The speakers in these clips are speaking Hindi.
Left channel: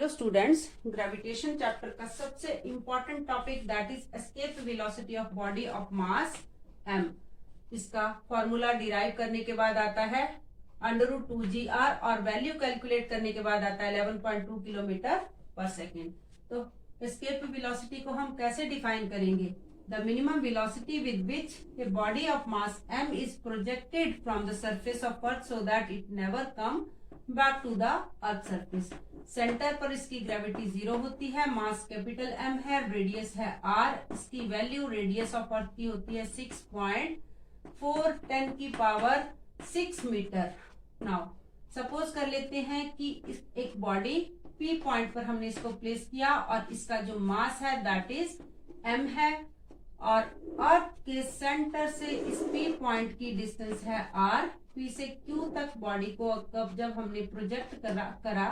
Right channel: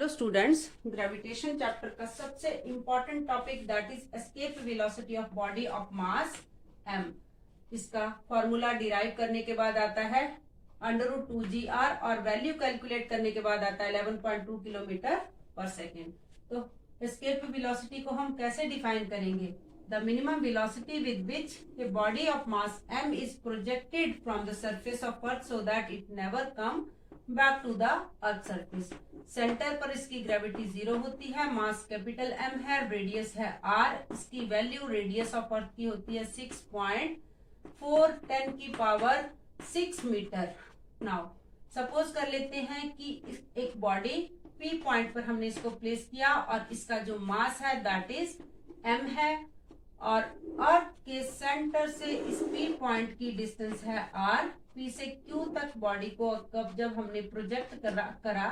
हेलो स्टूडेंट्स, ग्रेविटेशन चैप्टर का सबसे important topic that is escape velocity of body of mass m। इसका फॉर्मूला डिराइव करने के बाद आता है √2gr और वैल्यू कैलकुलेट करने के बाद आता है 11.2 किलोमीटर पर सेकेंड। तो एस्केप वेलोसिटी को हम कैसे डिफाइन करेंगे? The minimum velocity with which a body of mass m is projected from the surface of earth so that it never come back to the earth surface. Centre पर इसकी ग्रेविटी 0 होती है, मास कैपिटल M है, रेडियस है r, इसकी वैल्यू रेडियस ऑफ अर्थ की होती है 6.4 10 की पावर 6 मीटर। नाउ सपोज कर लेते हैं कि एक बॉडी P पॉइंट पर हमने इसको प्लेस किया और इसका जो मास है दैट इज M है और अर्थ के सेंटर से इस P पॉइंट की डिस्टेंस है r। P से Q तक बॉडी को कब जब हमने प्रोजेक्ट करा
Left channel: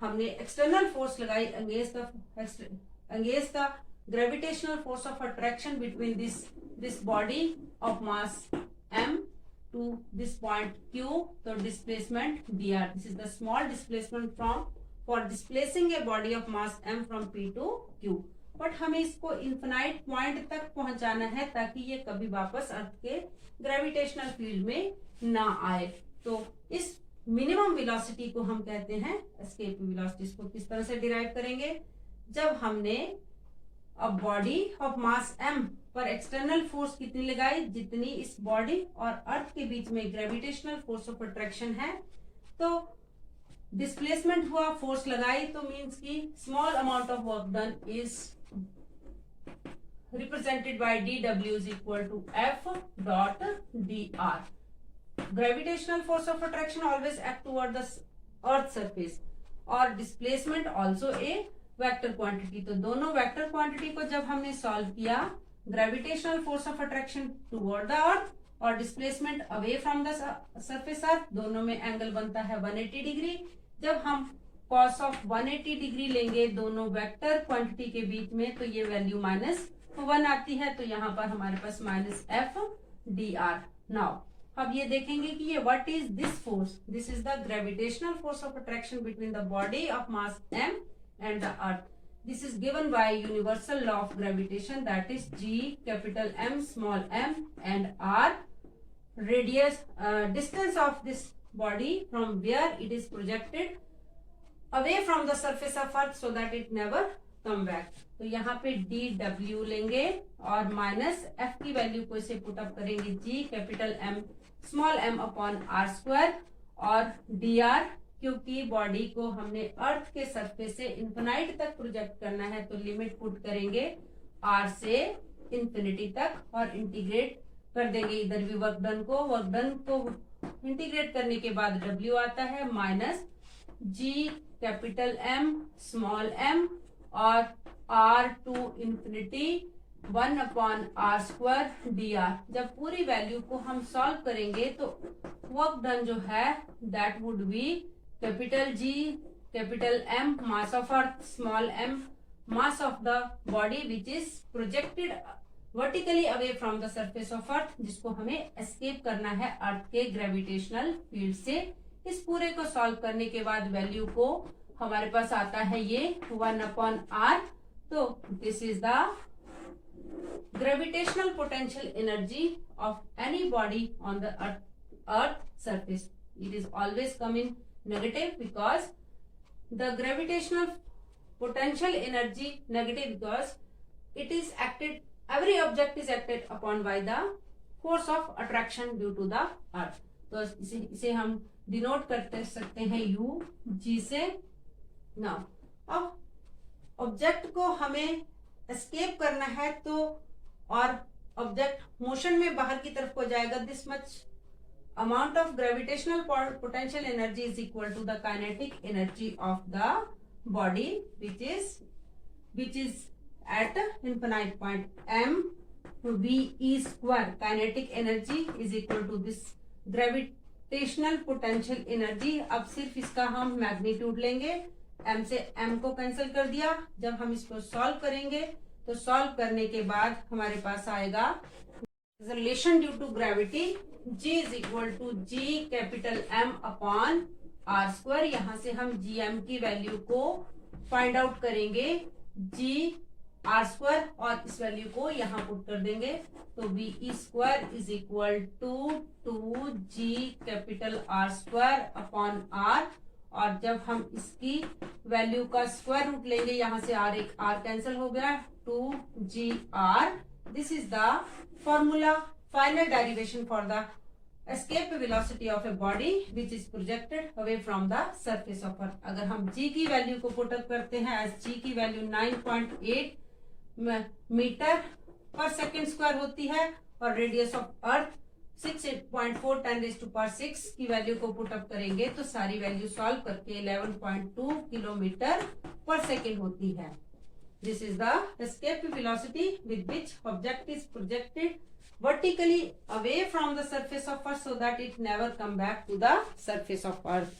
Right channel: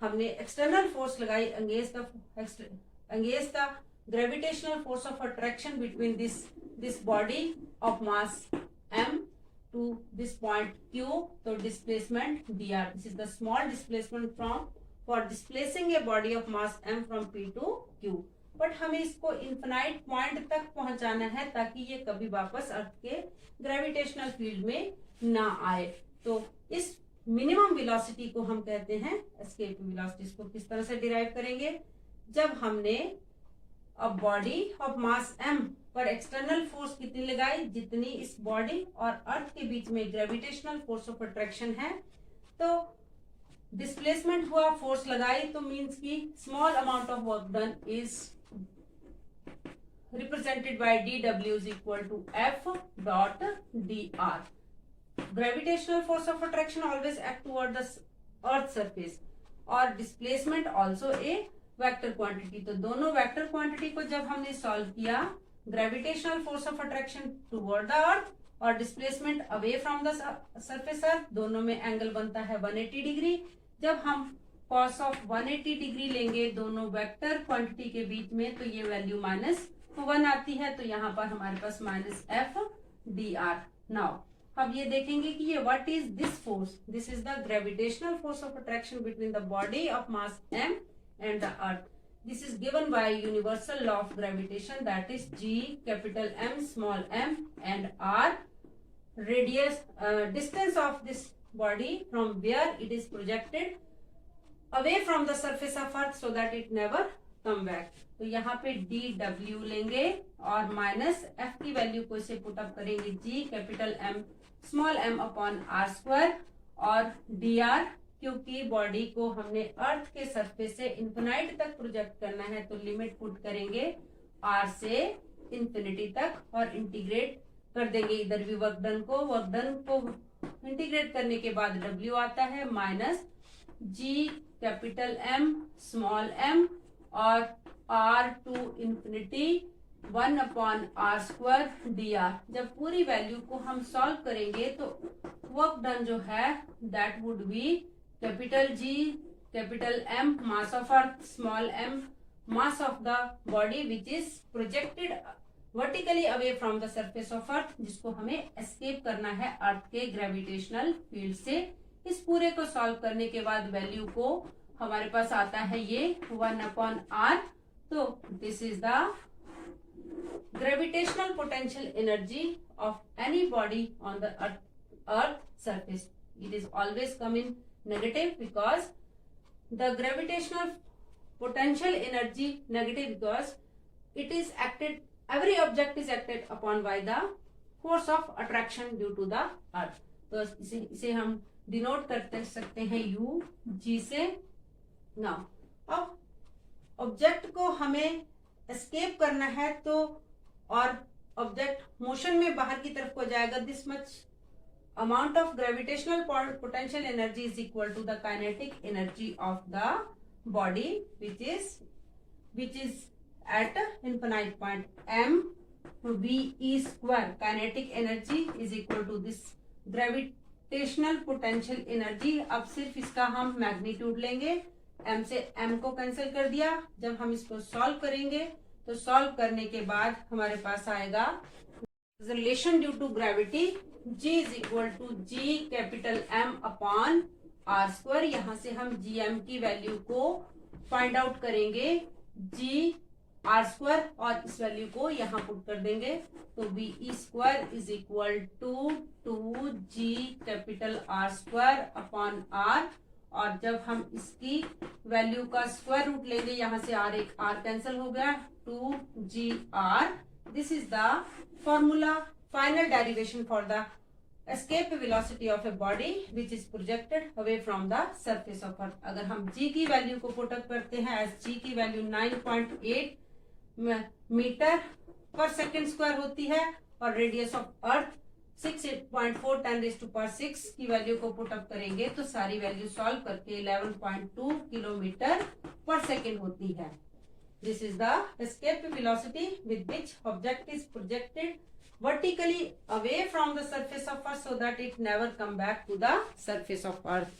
हमने एक्सटर्नल फोर्स लगाई against the gravitational force of attraction between this body of mass m to this point Q। तो displacement dr, this is the small displacement from for displacing a body of mass m from P to Q। But हमें इसको इन्फिनाइट पॉइंट तक पहुंचाना है ताकि ये कभी वापस अर्थ के ग्रेविटेशनल फील्ड में ना आए। तो इस मिनिमम वेलोसिटी को हम कहते हैं एस्केप वेलोसिटी। इसको किस तरह से डिराइव करेंगे? जब हमने अब बॉडी ऑफ मास m पर एक्सटर्नल फोर्स कितनी लगाई, जितनी इस बॉडी और अर्थ के बीच में ग्रेविटेशनल फोर्स ऑफ अट्रैक्शन है, तो डिस्प्लेसमेंट हुआ, फोर्स लगाई, तो मीन्स की small amount of work done is represented by dw is equal to f dot dr. Gravitational force of attraction always act toward the earth surface और displacement also a vector quantity। तो दोनों वेक्टर क्वांटिटी को जब हमने सॉल्व किया, gravitational force of attraction toward the earth और displacement away from the surface earth, दोनों में एंगल बनता है 180 डिग्री। जब हम cos ऑफ 180 डिग्री लेंगे दोनों वेक्टर क्वांटिटी के बीच में, तो ये वैल्यू -1 आती है। तो यहाँ पर हमारे पास -f dr। नाउ अब ये देखेंगे कि ये what is this force? This is the gravitational force of attraction between the body of mass m and the earth. This is given by universal law of gravitation that is g capital M small m and r radius distance of this body from where it is projected away from the surface of earth so that it never come back. तो यहाँ पे dw लेंगे और -f की वैल्यू को इसे पुट अप करेंगे g capital M small m upon r square और dr, क्योंकि बॉडी को हमने अर्थ के सरफेस से इंफिनाइट तक प्रोजेक्ट करना है तो लिमिट पुट करेंगे r से इंफिनिटी तक और इंटीग्रेट कर देंगे इधर भी वर्क डन को इंटीग्रेट करने के बाद w आता है -g capital M small m और r to infinity 1 upon r square dr। जब पूरी वैल्यू को हम सॉल्व करेंगे तो वर्क डन जो है that would be capital G capital M mass of earth small m mass of the body which is projected vertically away from the surface of अर्थ, जिसको हमें एस्केप करना है अर्थ के ग्रेविटेशनल फील्ड से। इस पूरे को सॉल्व करने के बाद वैल्यू को हमारे पास आता है ये 1 अपॉन r। तो this is the gravitational potential energy of any body on the earth surface. It is always come in negative because the gravitational potential energy negative because it is acted, every object is acted upon by the force of attraction due to the earth। तो इसे हम डिनोट कर सकते हैं u g से। नाउ अब ऑब्जेक्ट को हमें एस्केप करना है तो और ऑब्जेक्ट मोशन में बाहर की तरफ को जाएगा, this much amount of gravitational potential energy is equal to the kinetic energy of the body which is at infinite point m v e square। kinetic energy is equal to this gravitational potential energy। अब सिर्फ इसका हम मैग्नीट्यूड लेंगे, m से m को कैंसिल कर दिया। जब हम इसको सॉल्व करेंगे तो सॉल्व करने के बाद हमारे पास आएगा relation due to gravity g is equal to g capital M upon R square, यहाँ से हम जी एम की वैल्यू को फाइंड आउट करेंगे, जी आर स्क्वायर, और इस वैल्यू को यहाँ पुट कर देंगे, तो B E square is equal to 2g capital R square upon R, और जब हम इसकी वैल्यू का स्क्वायर रूट लेंगे, यहाँ से आर एक आर कैंसिल हो गया, 2gr. This is the formula, final derivation for the escape velocity of a body which is projected away from the surface of earth. अगर हम g की वैल्यू को पुट अप करते हैं, एज g की वैल्यू 9.8 मीटर पर सेकेंड स्क्वायर होती है, और रेडियस ऑफ अर्थ 6.4 10⁶ की वैल्यू को पुट अप करेंगे तो सारी वैल्यू सॉल्व करके 11.2 किलोमीटर पर सेकेंड होती है. This is the escape velocity with which object is projected vertically away from the surface of earth so that it never come back to the surface of earth.